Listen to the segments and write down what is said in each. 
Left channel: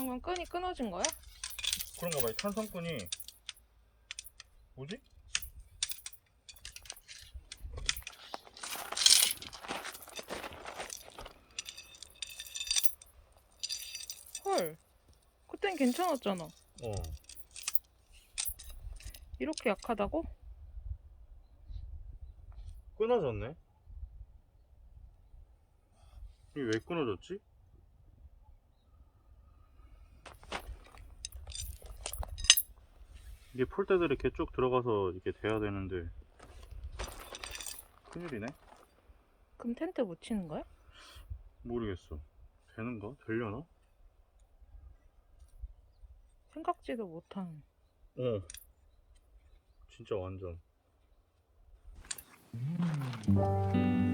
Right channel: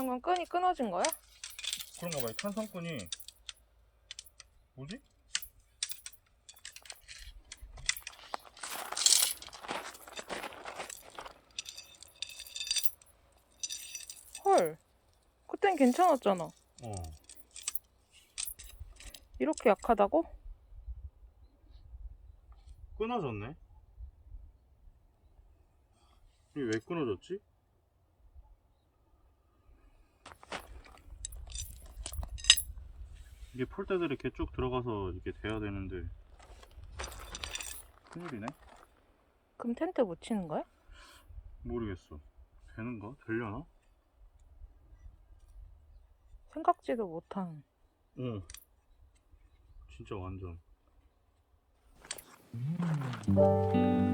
건 끈이 끊어진 거야? 그런가 봐. 이 탄성끈이 뭐지? 헐. 그땐 괜찮았잖아. 어. 이렇게 약하다고? 끊어졌네. 이게 왜 끊어졌지? 이게 폴대들이 이렇게 쭉 들어가서 이렇게 돼야 되는데 큰일이네. 그럼 텐트 못 치는 거야? 모르겠어. 되는가? 되려나? 생각지도 못한. 어. 진짜 완전. 일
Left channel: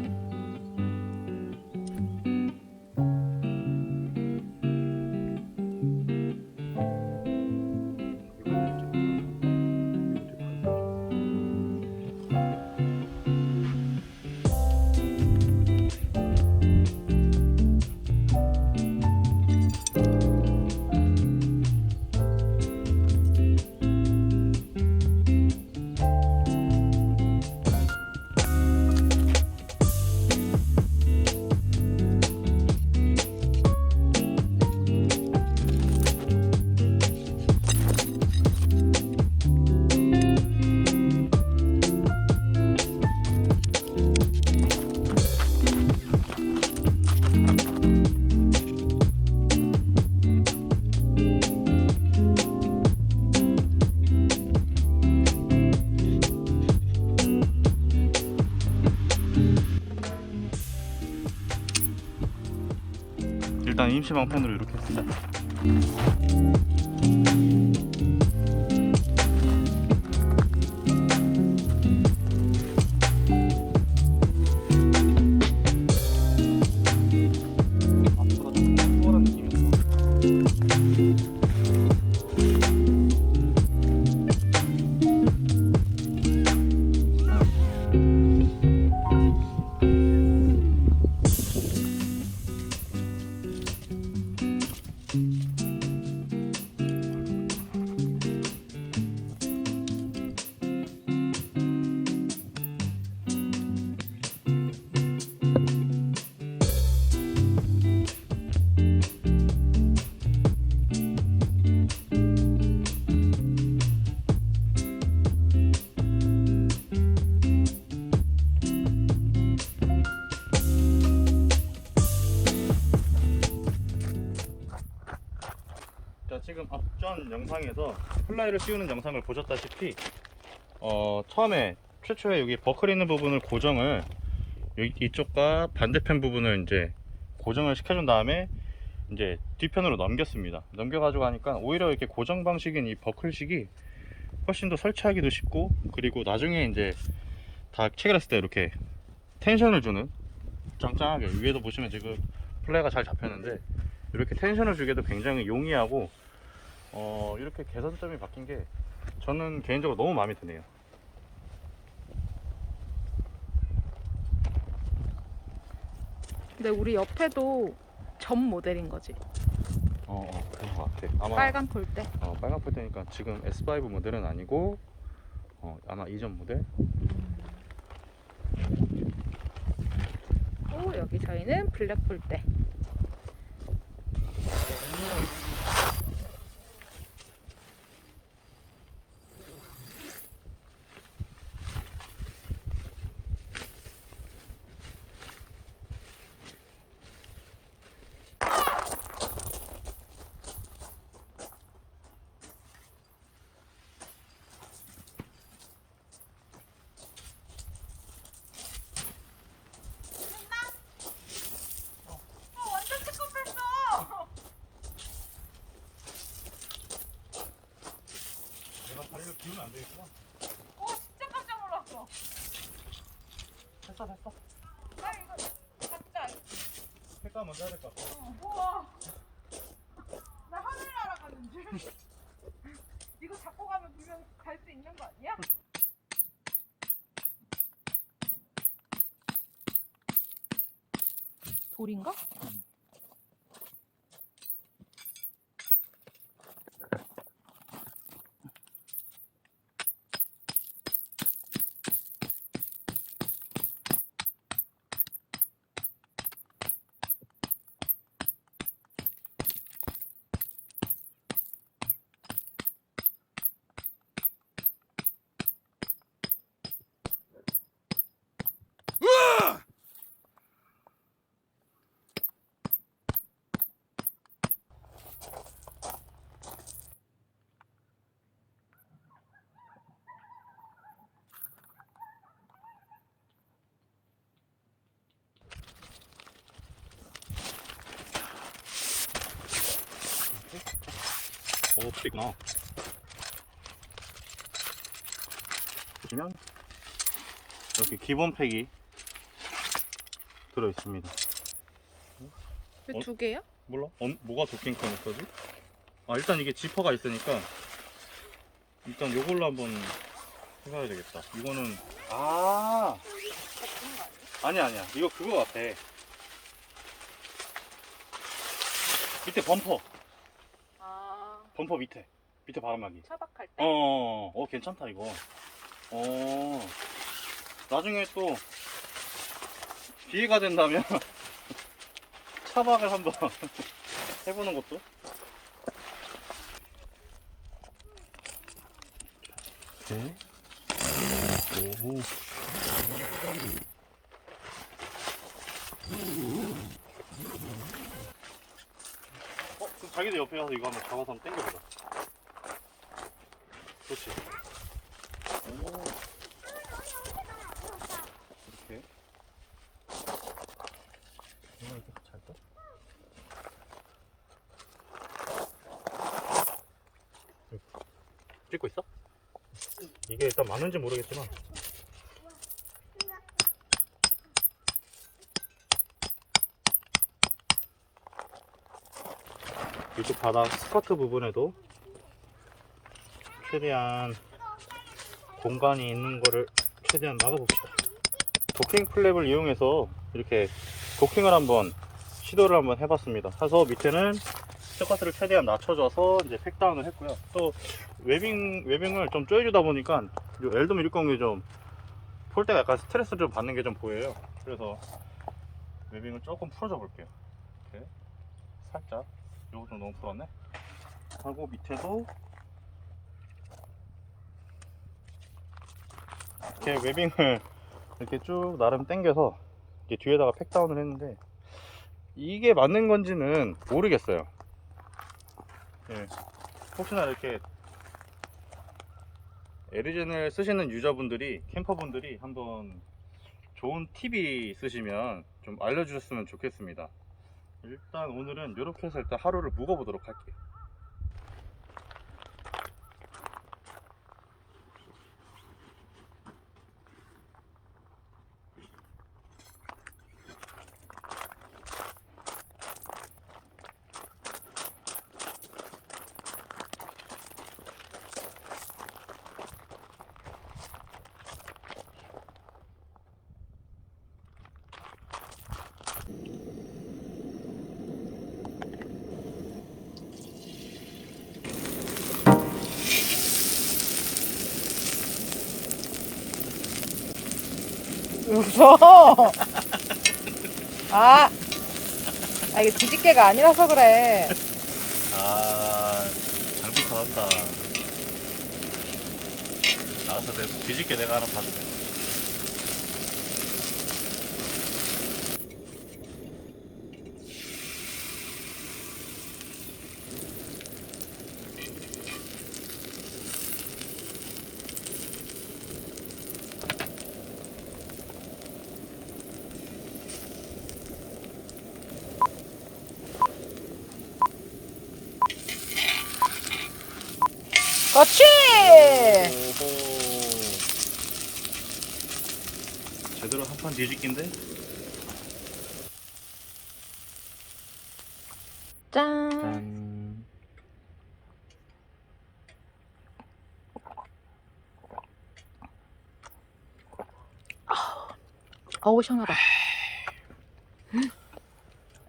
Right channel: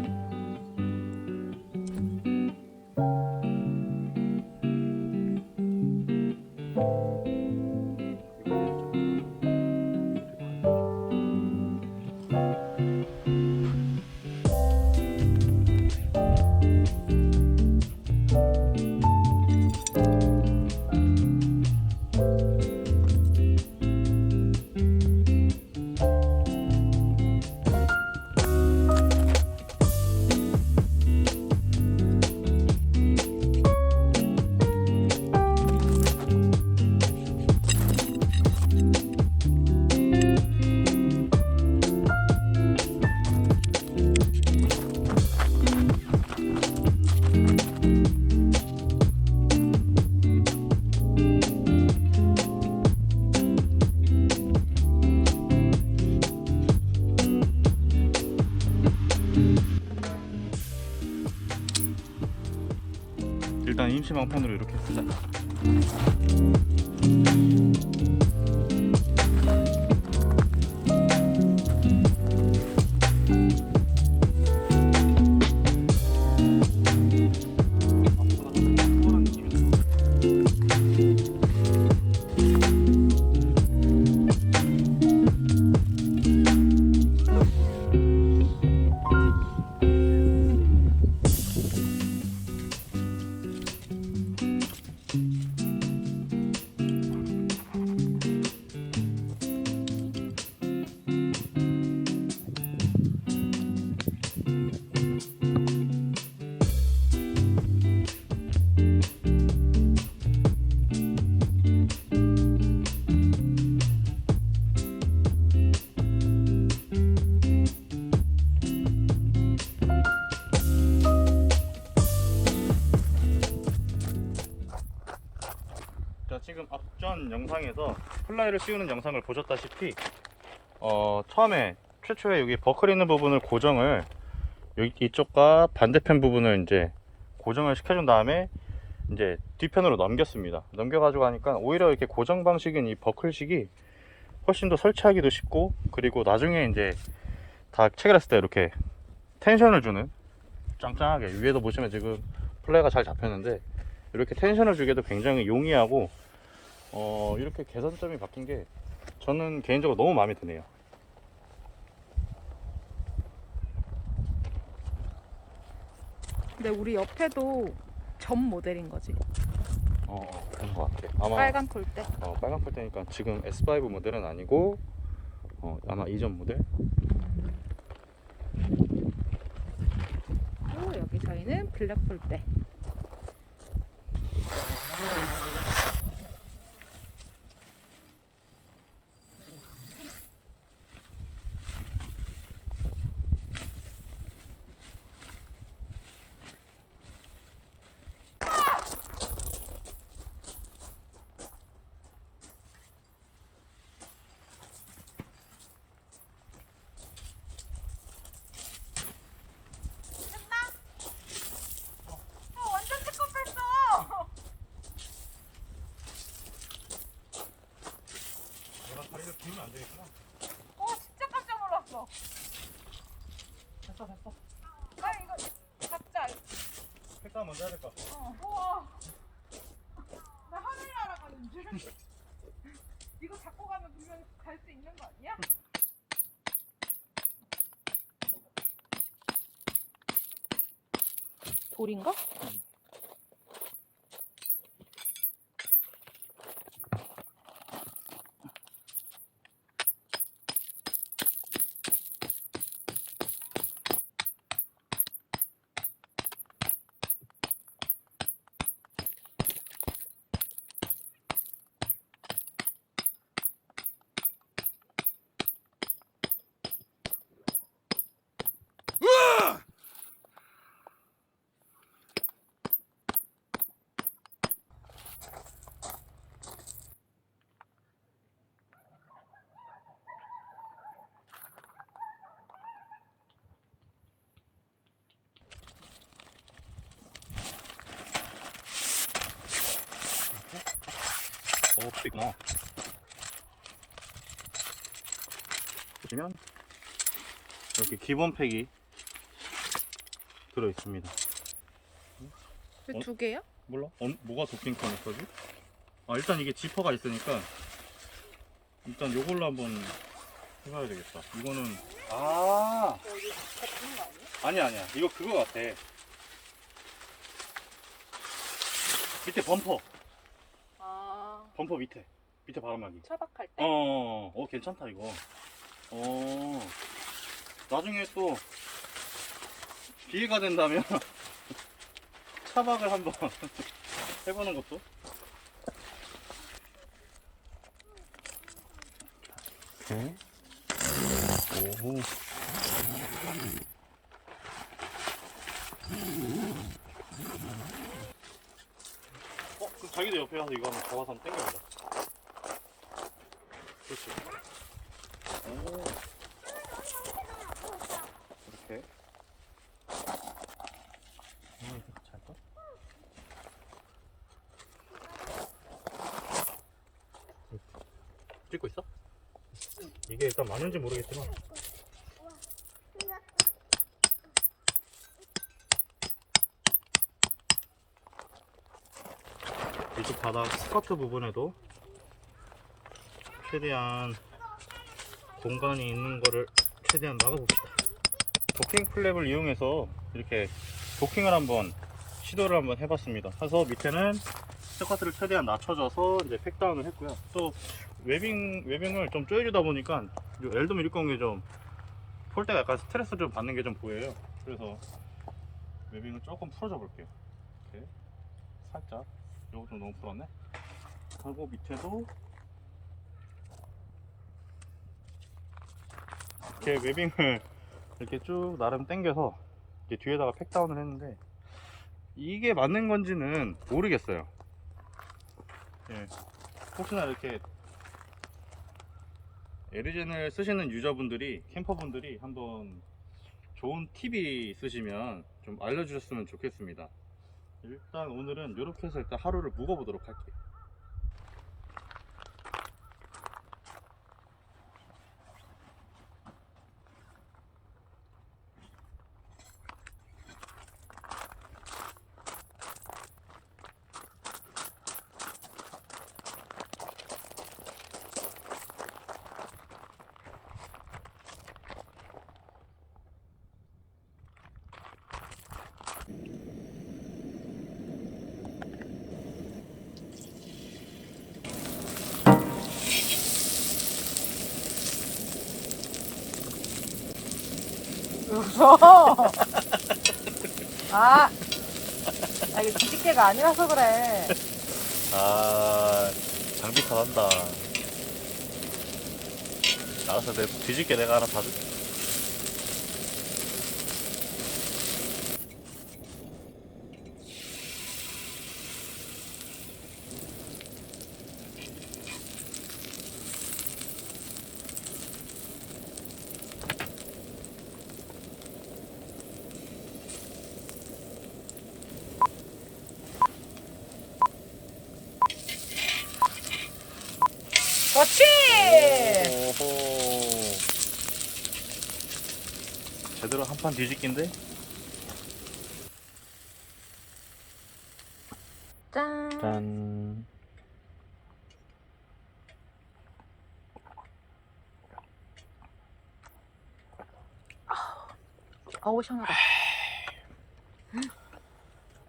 임시 방편으로 이렇게 쓰자. 자 전 영상에서 플라이를 씌우는 영상을 보셨다시피 어 처음에 최초에 여기 버클 있는 부분을 고정을 여기 이쪽과 반대편 부분을 이제 고정을 시켜준 다음에 이제 뒤편으로 넘겼습니다. 넘겨가지고 하니까 오히려 이렇게 고정 방식인 이 버클식이 훨씬 더 설치하기도 쉽고 그리고 나중에 이제 다 체결했을 때 이렇게 텐션을 주는 짱짱하게 위에도 보시면 지금 플라이가 잘 잡혔는데 이렇게 텐션을 주기도 굉장히 용이하고 어, 이렇게 개선점이 바뀐 게 저는 개인적으로 너무 마음에 드네요. 근데 우리 옆에도 점 모델인 거지. 어, 어 그런 것 같아. 아마 빨간 폴대. 어, 빨간 폴대니까 지금 S5 모델은 아니고 어, 아마 이전 모델. 오, 여기 저희는 블랙 폴대. 다리를 기우면 안 되겠구나. 오, 진짜 깜짝 놀랐어. 됐어 됐어. 아, 이거 잡자. 색깔 먼저 해야 될 것 같아. 우와. 나 하늘 날아가는 줄. 이거 잡고 가면 분명 갈 수 있는 거 아니야? 돌인가? 있구나. 보시면 이렇게 기본 팩이 들어 있습니다. 왜 어? 두 개야? 몰라? 어, 뭐가 도킹 커넥터지? 아 일단 이게 지퍼가 있으니까 일단 요걸로 한번 해봐야 되겠다. 이거는 아 아니야 아니야 이거 그거 같아. 밑에 범퍼 아 범퍼 밑에 밑에 바람막이. 차박할 때? 어, 어 괜찮다 이거. 어 나중에 또 기회가 된다면 차박을 한번 해보는 것도. 오케이. 오. 어, 자기도 옆에 가서 이거 한번 잡아서 한번 당겨보자. 그렇지. 오. 이렇게. 이거 이렇게 같이 할까? 찍고 있어? 이게 일단 맞는지 모르겠지만 이쪽 바닥 스커트 부분에도 최대한 공간이 있는 거를 최대한 막아봅시다. 도킹 플랩을 이용해서 이렇게 도킹을 한번 시도를 한번 해봤습니다. 해서 밑에는 스커트를 최대한 낮춰줘서 이제 팩다운을 했고요. 또 웨빙 웨빙을 좀 쪼여주다 보니까 엘더 밀공이 좀폴 때가 약간 스트레스를 좀 받는 게 좀 보여요. 그래서 웨빙을 조금 풀어줘 볼게요. 이렇게 살짝 좀 너무 풀었네. 하고 밑에도 이렇게 웨빙을 이렇게 쭉 나름 당겨서 이렇게 뒤에다가 팩다운을 했는데 이게 맞는 건지는 모르겠어요. 네. 혹시나 이렇게 에리젠을 쓰시는 유저분들이 캠퍼분들이 한번 좋은 팁이 있으시면 좀 알려주셨으면 좋겠습니다. 일단 오늘은 이렇게 해서 일단 하루를 묵어보도록 할게요. 무서워. 아, 아 이게 뒤집개가 아니라서 그래. 아, 장비 잘한다. 알아서 내 뒤집게 내가 알아서 할게. 그렇지. 오호. 제대로 한 판 뒤집기인데? 짠. 짠. 어우 시원하다.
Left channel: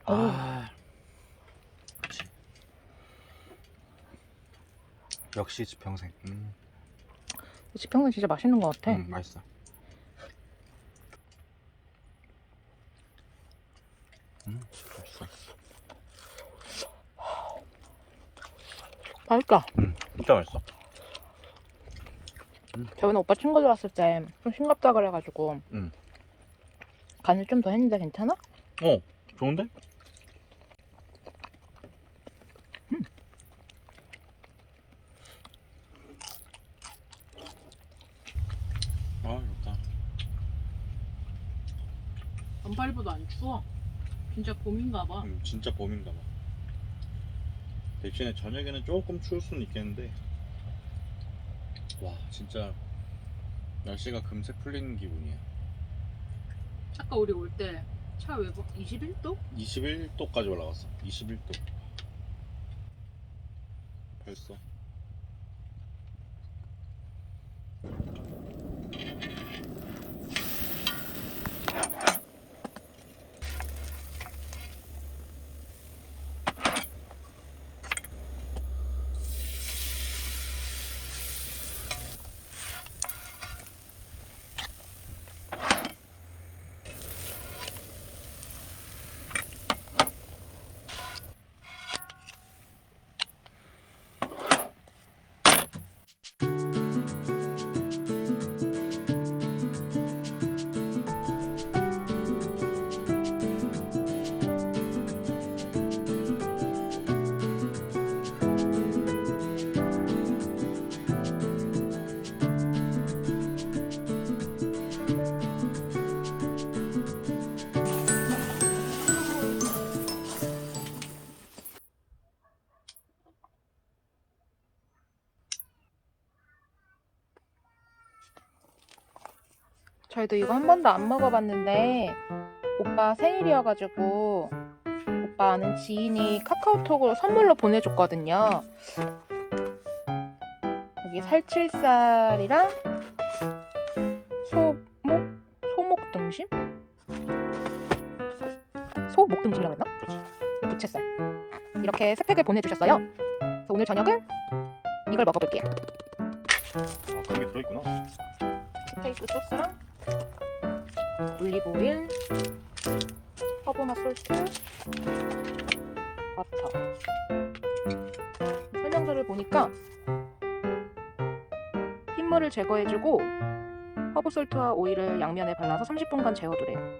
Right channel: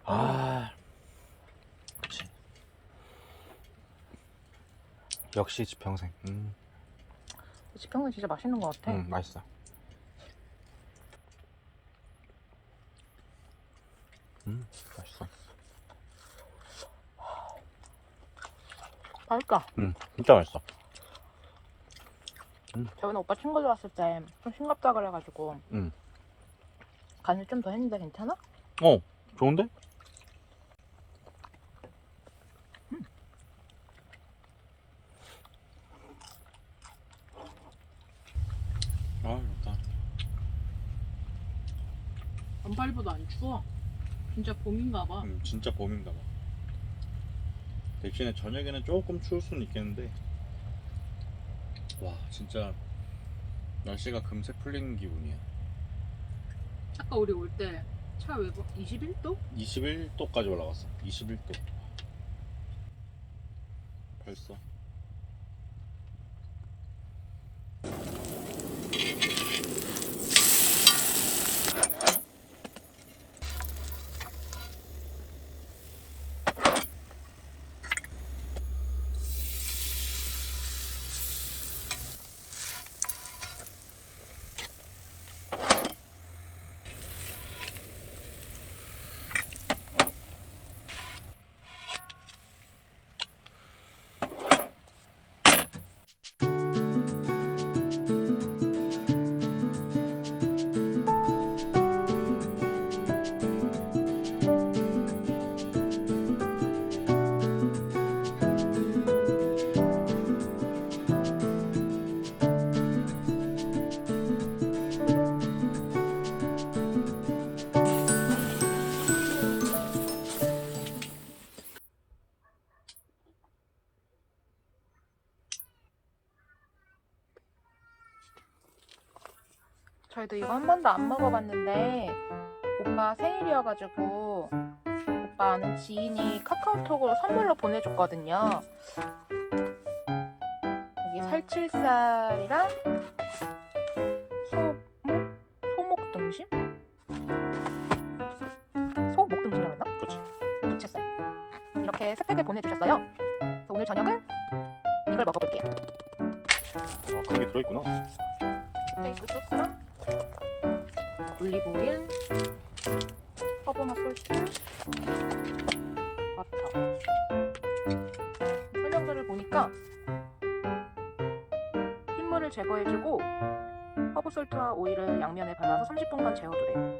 아. 그렇지. 역시 지평생. 음, 지평선 진짜 맛있는 것 같아. 음 맛있어. 음, 맛있어. 맛있다. 음, 진짜 맛있어. 저번에 오빠 친구들 왔을 때 좀 싱겁다 그래가지고 음. 간을 좀 더 했는데 괜찮아? 어, 좋은데? 아, 좋다. 반팔보다 안 추워. 진짜 봄인가 봐. 음, 진짜 봄인가 봐. 대신에 저녁에는 조금 추울 수는 있겠는데. 와 진짜 날씨가 금세 풀리는 기분이야. 아까 우리 올 때 차 외부 21도? 21도까지 올라갔어. 21도. 벌써 저희도 이거 한 번도 안 먹어봤는데 오빠 생일이어가지고 오빠 아는 지인이 카카오톡으로 선물로 보내줬거든요. 여기 살칠살이랑 소목 소목 등심? 소목 등심이라고 했나? 그치 부채살 이렇게 세 팩을 보내주셨어요. 그래서 오늘 저녁은 이걸 먹어볼게요. 아 그게 들어있구나 스테이크 소스랑 올리브 오일, 허브맛 솔트, 버터. 설명서를 보니까 핏물을 제거해주고 허브 솔트와 오일을 양면에 발라서 30분간 재워두래요.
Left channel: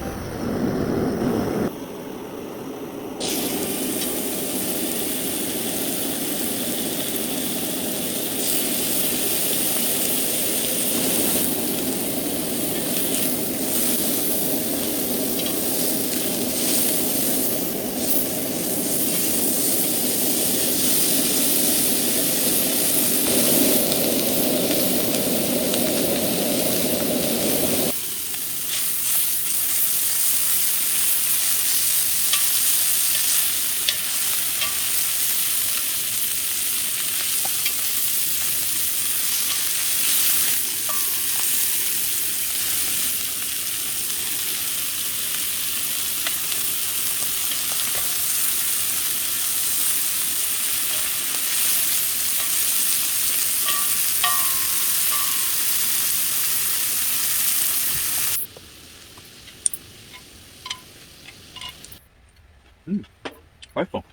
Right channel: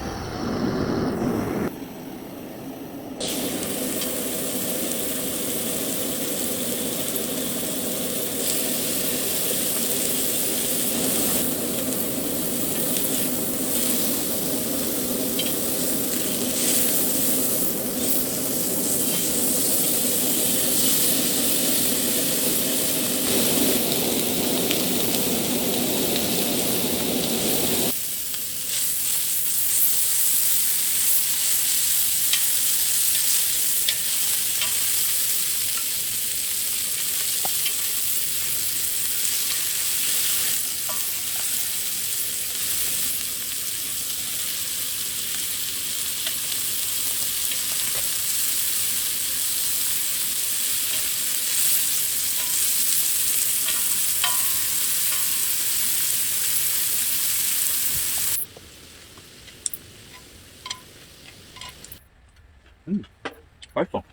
맛있어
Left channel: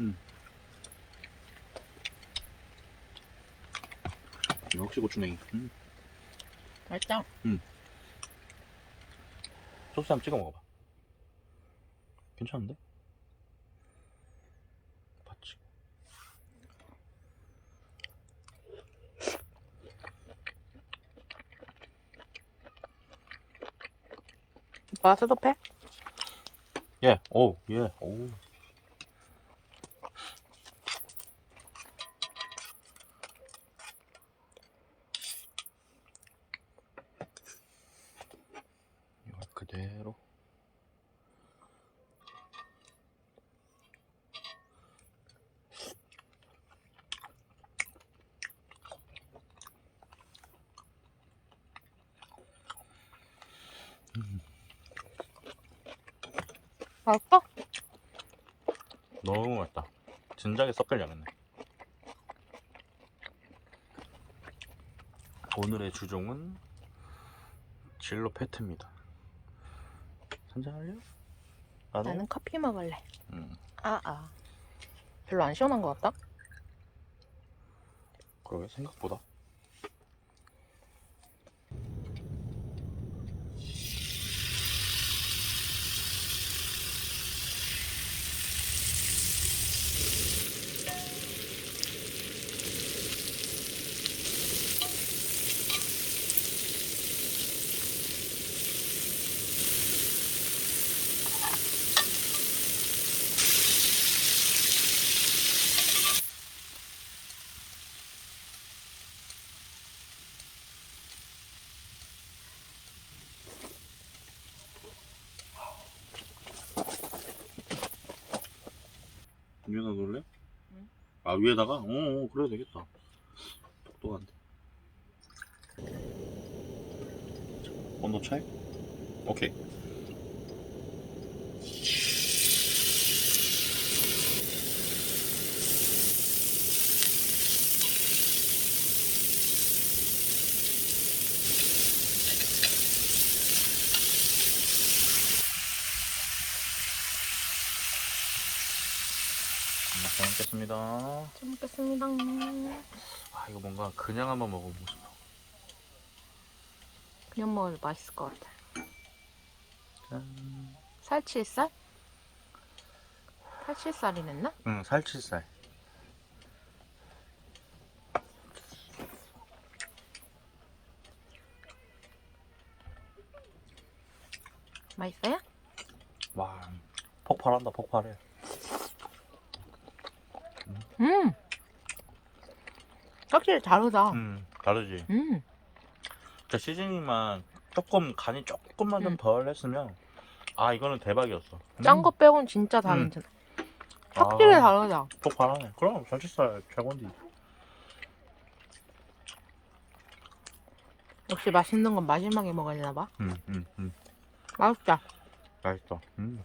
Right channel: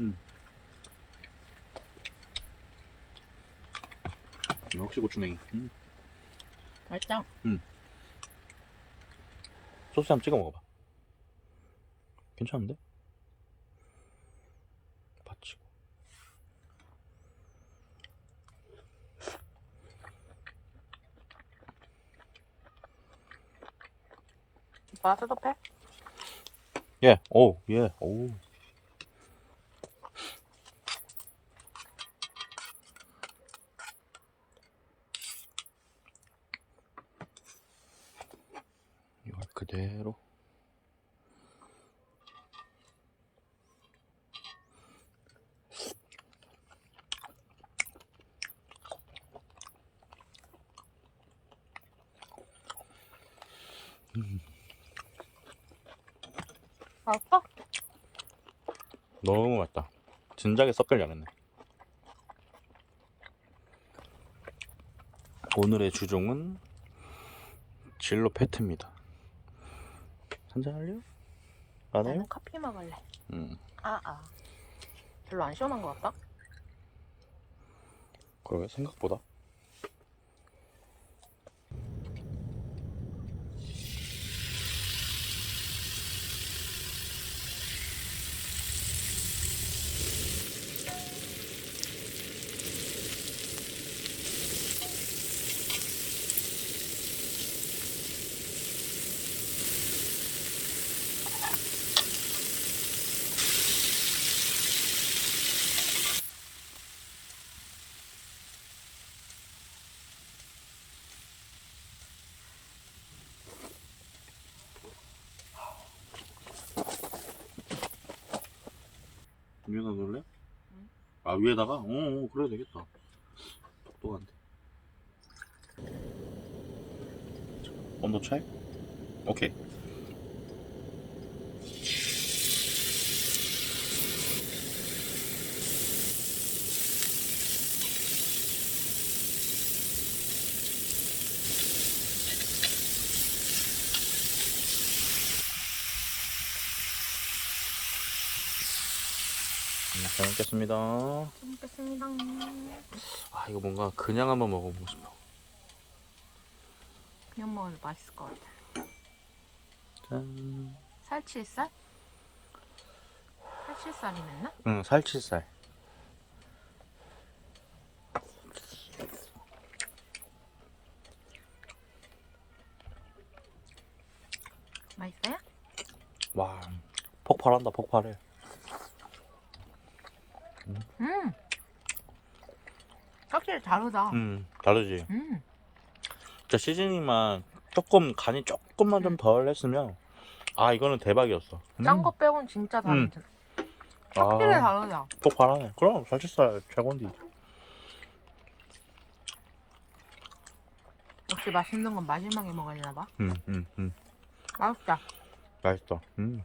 음. 역시 고추냉이 음. 맛있다. 소스 한번 찍어 먹어봐 괜찮은데? 봤지? 오빠 수도패? 예, 오, 예, 오. 이걸 그대로. 맛있어? 너무 맛있다. 진작에 섞을 잘했네. 오늘의 주종은 진로 페트입니다. 한잔 할래요? 안 해요? 나는 커피 먹을래. 음, 아, 아. 별로 안 시원한 것 같다. 그러게 생각보다. 위에다 놓을래? 응. 아 위에다가? 어, 어 그래도 되겠다 똑똑한데 온도 차이? 오케이 음, 잘 먹겠습니다. 잘 먹겠습니다. 아 이거 뭔가 그냥 한번 먹어보고 싶어. 그냥 먹으면 맛있을 것 같아. 짠. 살치살? 살치살이 냈나? 응 살치살. 맛있어요? 와 폭발한다 폭발해. 음. 확실히 다르다. 음 다르지. 음. 진짜 시즈닝만 조금 간이 조금만 좀 음. 덜 했으면 아 이거는 대박이었어. 음. 짠 거 빼고는 진짜 다르지. 확실히 아. 다르다. 폭발하네. 그럼 살치살 최고인데. 역시 맛있는 건 마지막에 먹어야 되나 봐. 음, 음, 음. 맛있다. 맛있어. 음.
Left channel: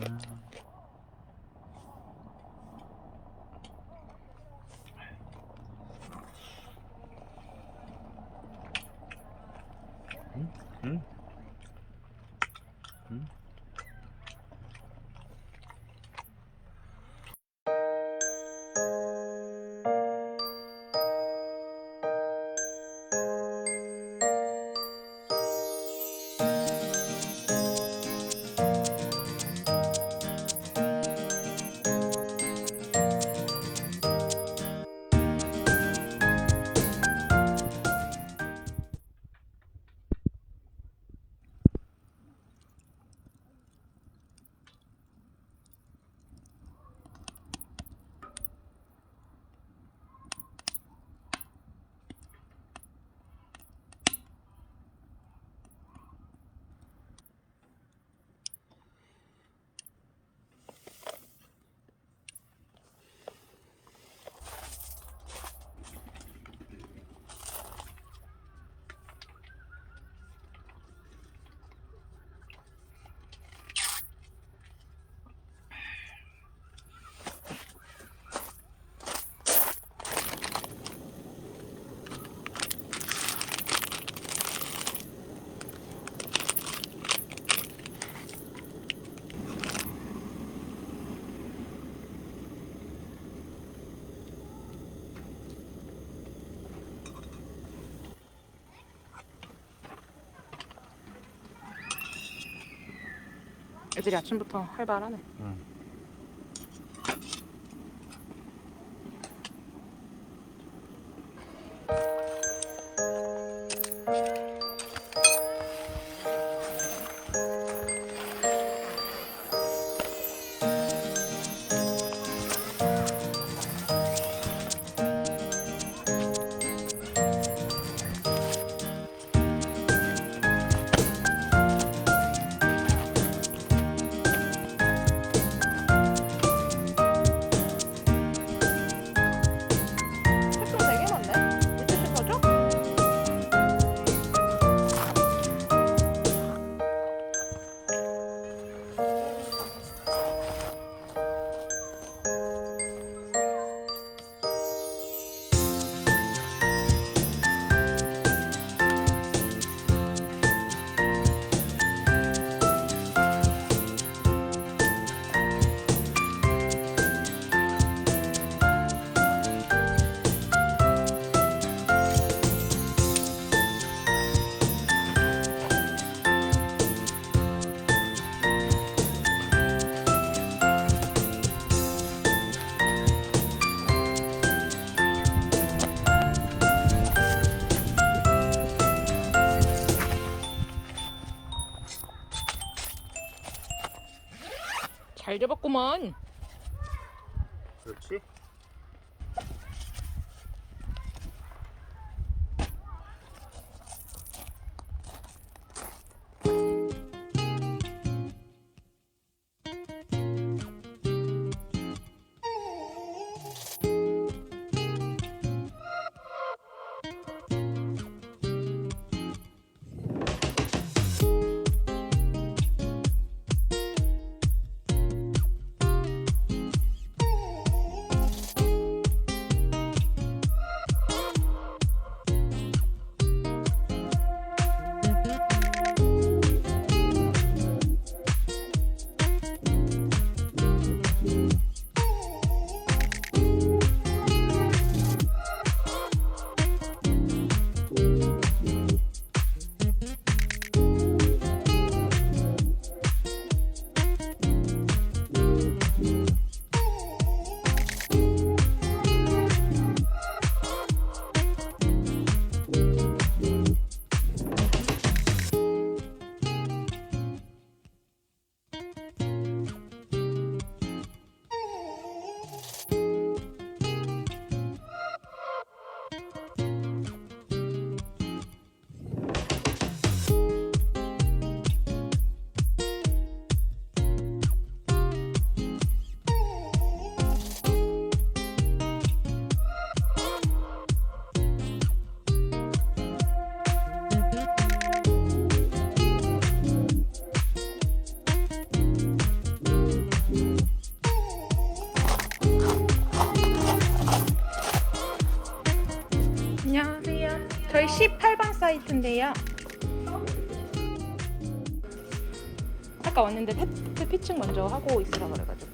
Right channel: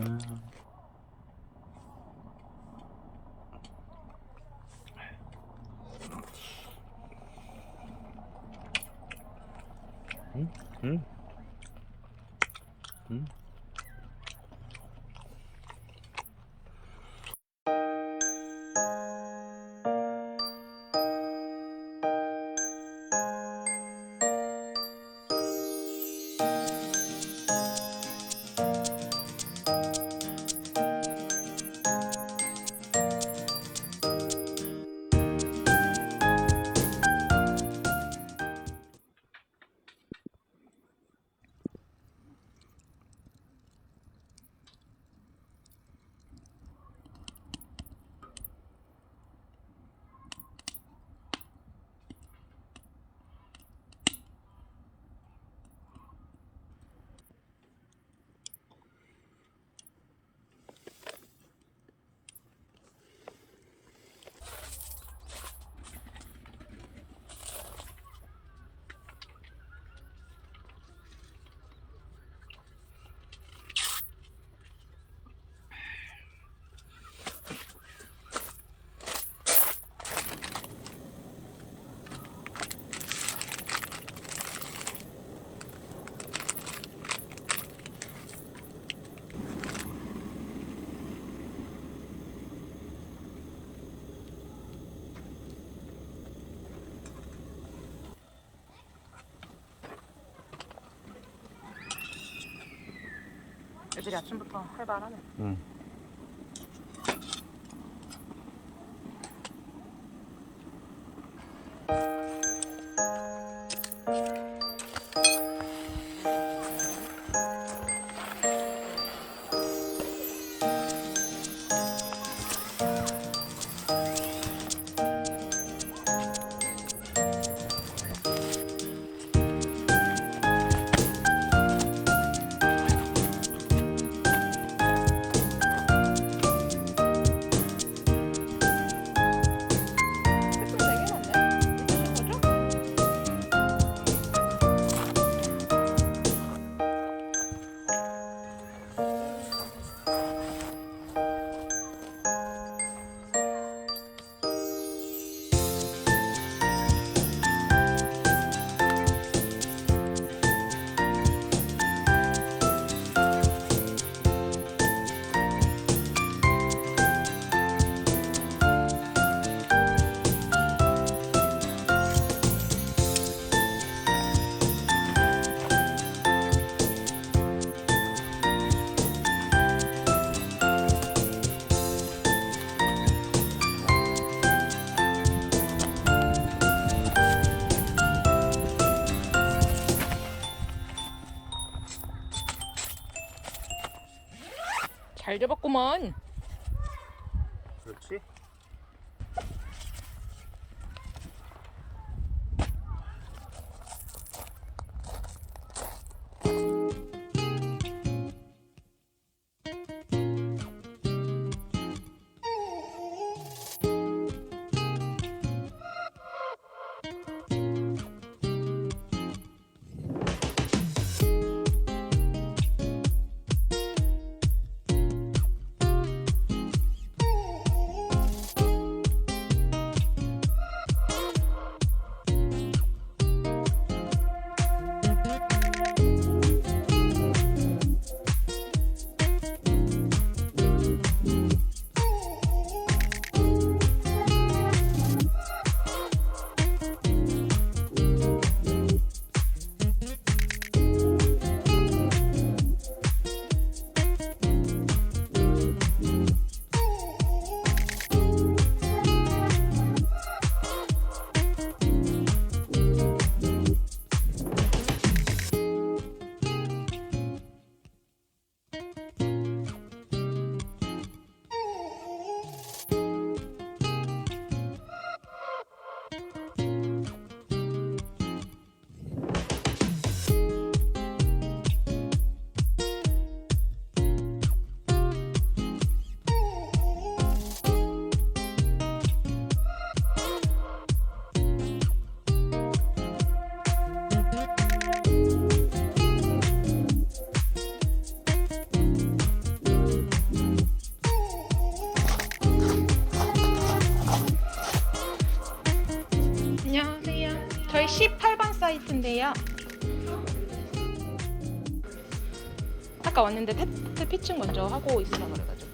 음. 음, 음. 음. 애들이 아침부터 활발하네. 음. 잘 잡았구만. 그렇지. 사이트인데요. 아까 왔는데 테트 피칭 먼저 하고 있으라 그래가지고.